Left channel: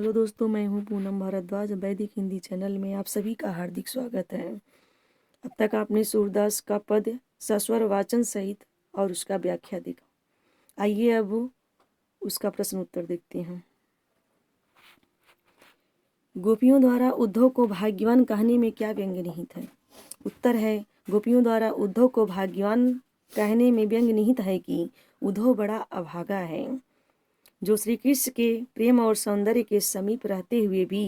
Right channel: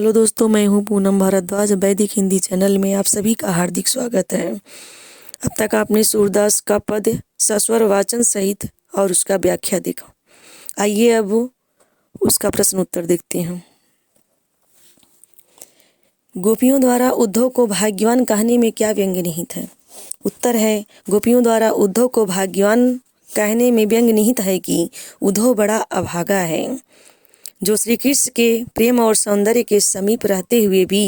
Hello दोस्तों, मैं हूं पूनम भारद्वाज। वैदिक हिंदी चैनल में आप सभी का हार्दिक स्वागत है। अब तक आपने सूरदास का पद सस्वर वाचन सहित और उसका व्याख्या देखा। आइए अब उसका प्रश्न उत्तर देखते हैं। गोपियों द्वारा उद्धव को भाग्यवान कहने में क्या व्यंग निहित है? उत्तर है, गोपियों द्वारा उद्धव को भाग्यवान कहने में व्यंग निहित है कि उद्धव बड़ा अभागा है, जो श्री कृष्ण के प्रेम और सौंदर्य के समीप रहते हुए भी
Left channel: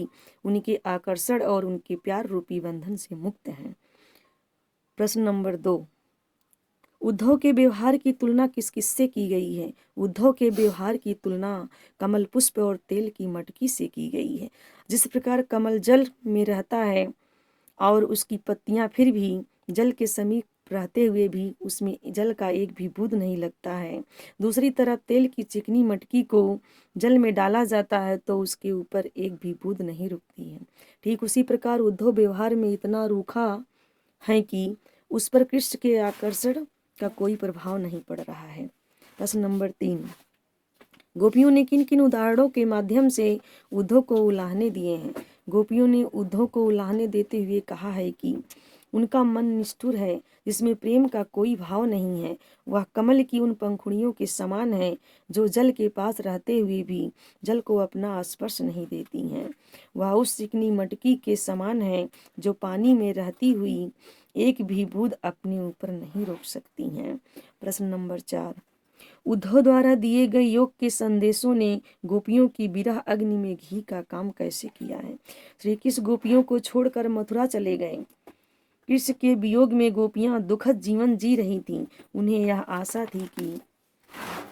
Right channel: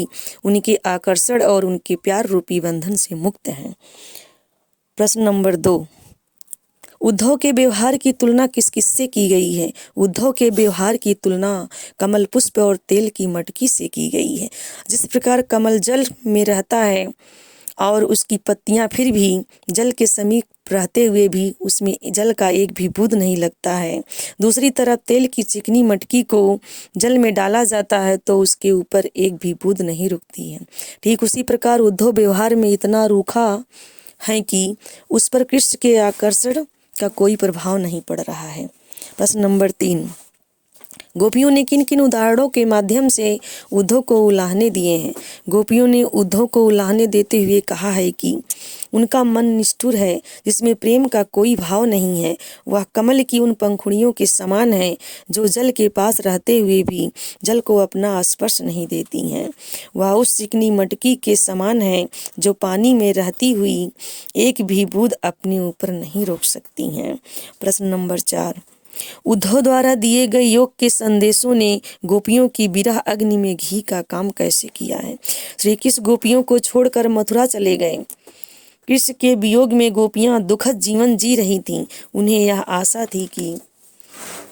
उनके आकर्षण और उनके प्यार रूपी बंधन से मुक्त हैं। प्रश्न नंबर 2, उद्धव के व्यवहार की तुलना किस किससे की गई है? उद्धव के व्यवहार की तुलना कमल पुष्प और तेल की मटकी से की गई है। जिस प्रकार कमल जल में रहता है और उसकी पत्तियां फिर भी जल के समीप रहते हुए भी उसमें जल का एक भी बूंद नहीं लगता है, दूसरी तरफ तेल की चिकनी मटकी को जल में डाला जाता है तो उसके ऊपर एक भी बूंद नहीं रुकती है। ठीक उसी प्रकार उद्धव व्यवहार में इतना रूखा है कि उस पर कृष्ण के आकर्षण का कोई प्रभाव नहीं पड़ रहा है। प्रश्न नंबर 3, गोपियों ने किन किन उदाहरणों के माध्यम से उद्धव को उलाहने दिए हैं? गोपियों ने उद्धव को उलाहने देते हुए कहा है कि उनका मन निष्ठुर है, जिसमें प्रेम का कोई भाव नहीं है। वह कमल की उन पंखुड़ियों के समान है जो जल के पास रहते हुए भी जल को अपना स्पर्श नहीं देती हैं। वह उस चिकनी मटकी के समान है जो पानी में रहती हुई एक भी बूंद अपने ऊपर नहीं रोक सकती हैं। प्रश्न नंबर 4, उद्धव द्वारा दिए गए योग के संदेशों ने गोपियों की विरह अग्नि में घी का काम कैसे किया है? श्री कृष्ण गोपियों को छोड़कर मथुरा चले गए। कृष्ण के वियोग में गोपियां दुखद जीवन जी रही थीं। उन्हें यह आशा थी कि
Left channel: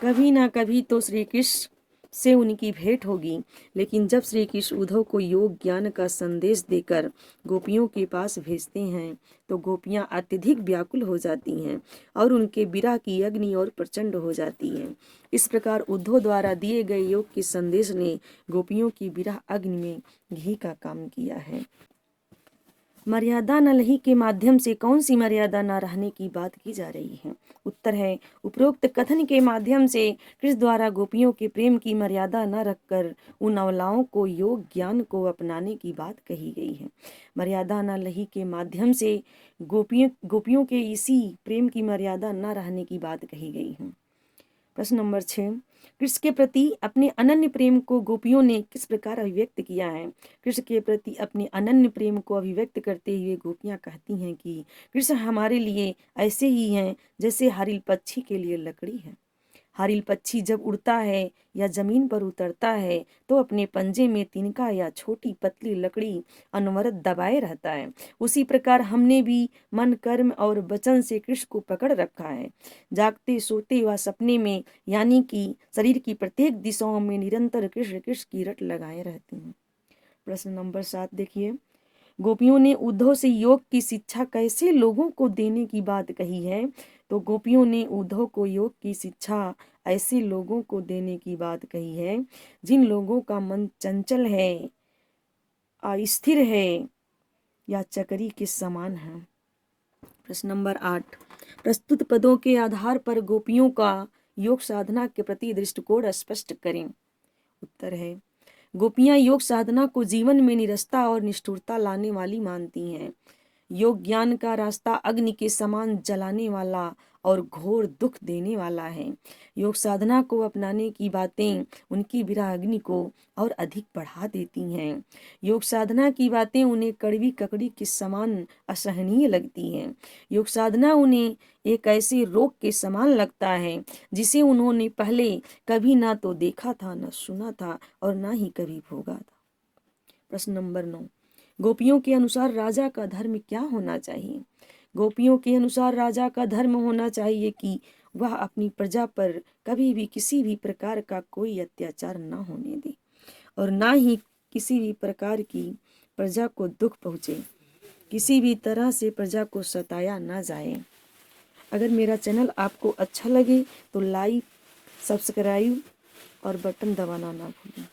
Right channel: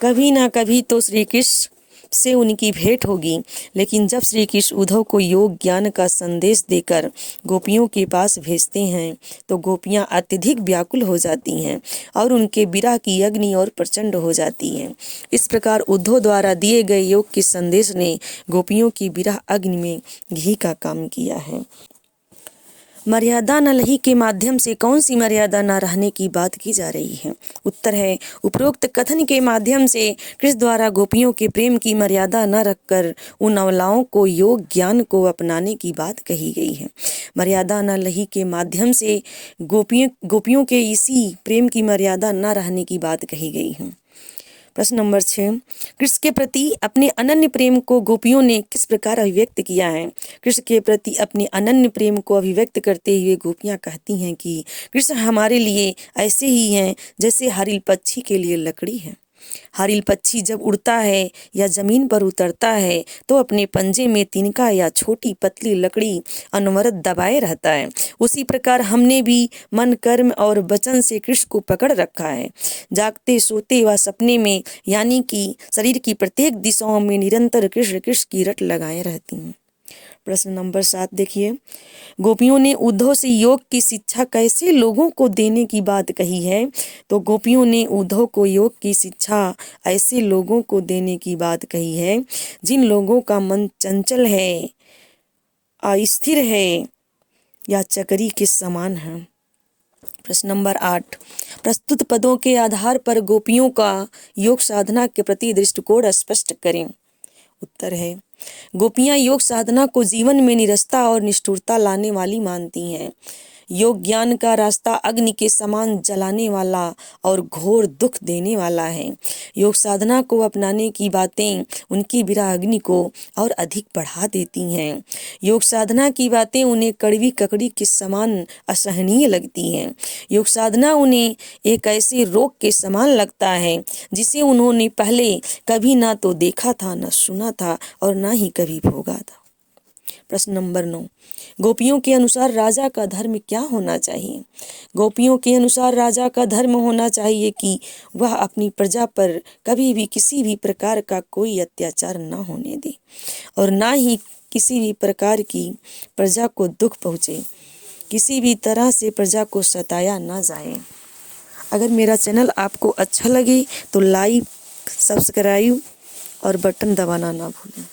कभी ना कभी तो श्री कृष्ण से उनकी भेंट होगी, लेकिन जब श्री कृष्ण उद्धव को योग ज्ञान का संदेश देकर गोपियों के पास भेजते हैं तो गोपियां अत्यधिक व्याकुल हो जाती हैं और उनके विरह की अग्नि और प्रचंड हो जाती है। इस प्रकार उद्धव द्वारा दिए गए योग के संदेश ने गोपियों की विरह अग्नि में घी का काम किया है। मर्यादा न लही के माध्यम से कौन सी मर्यादा न रहने की बात की जा रही है? उत्तर है, उपरोक्त कथन के माध्यम से कृष्ण द्वारा गोपियों के प्रेम की मर्यादा न रखकर उन अवलाओं को योग ज्ञान को अपनाने की बात कही गई है। मर्यादा न लही के माध्यम से गोपियों के इसी प्रेम की मर्यादा न रहने की बात कही गई है। प्रश्न नंबर 6, कृष्ण के प्रति अपने अनन्य प्रेम को गोपियों ने किस प्रकार अभिव्यक्त किया है? कृष्ण के प्रति अपने अनन्य प्रेम को अभिव्यक्त करते हुए गोपियां कहती हैं कि कृष्ण हमारे लिए ऐसे ही हैं जैसे हरिल पक्षी के लिए लकड़ी है। हरिल पक्षी जब उड़ता है या जमीन पर उतरता है तो अपने पंजे में तिनका या छोटी पतली लकड़ी अनवरत दबाए रहता है। उसी प्रकार हमने भी मन कर्म और वचन से कृष्ण को पकड़ रखा है। जागते सोते व सपने में, यानी कि शरीर की प्रत्येक दिशाओं में निरंतर कृष्ण कृष्ण की रट लगाए रहती हैं। प्रश्न नंबर 7 देखिए, गोपियों ने उद्धव से योग की शिक्षा कैसे लोगों को देने की बात कही है? तो गोपियों ने उद्धव को योग की शिक्षा ऐसे लोगों को देने की बात कही है जिन लोगों का मन चंचल है, अस्थिर है या चकरी के समान है। प्रश्न नंबर 8, प्रस्तुत पदों के आधार पर गोपियों का योग साधना के प्रति दृष्टिकोण स्पष्ट करें। उत्तर है, गोपियां योग साधना को जीवन में निरस्ता और निष्ठुरता लाने वाली मानती हैं। योग ज्ञान का रास्ता अग्नि के समान जलाने वाला और घोर दुख देने वाला है। योग साधना को अपनाने की बातें उनकी विरह अग्नि को और अधिक बढ़ा देती हैं। योग साधना की बातें उन्हें कड़वी ककड़ी के समान असहनीय लगती हैं। योग साधना उन्हें एक ऐसे रोग के समान लगता है जिसे उन्होंने पहले कभी ना तो देखा था, न सुना था और ना ही कभी भोगा था। प्रश्न नंबर 9, गोपियों के अनुसार राजा का धर्म क्या होना चाहिए? गोपियों के अनुसार राजा का धर्म होना चाहिए कि वह अपनी प्रजा पर कभी भी किसी भी प्रकार का कोई अत्याचार न होने दे और ना ही किसी भी प्रकार की प्रजा को दुख पहुँचे, किसी भी तरह से प्रजा को सताया ना जाए। अगर मेरा चैनल आपको अच्छा लगे तो लाइक, सब्सक्राइब और बटन दबाना ना भूलें।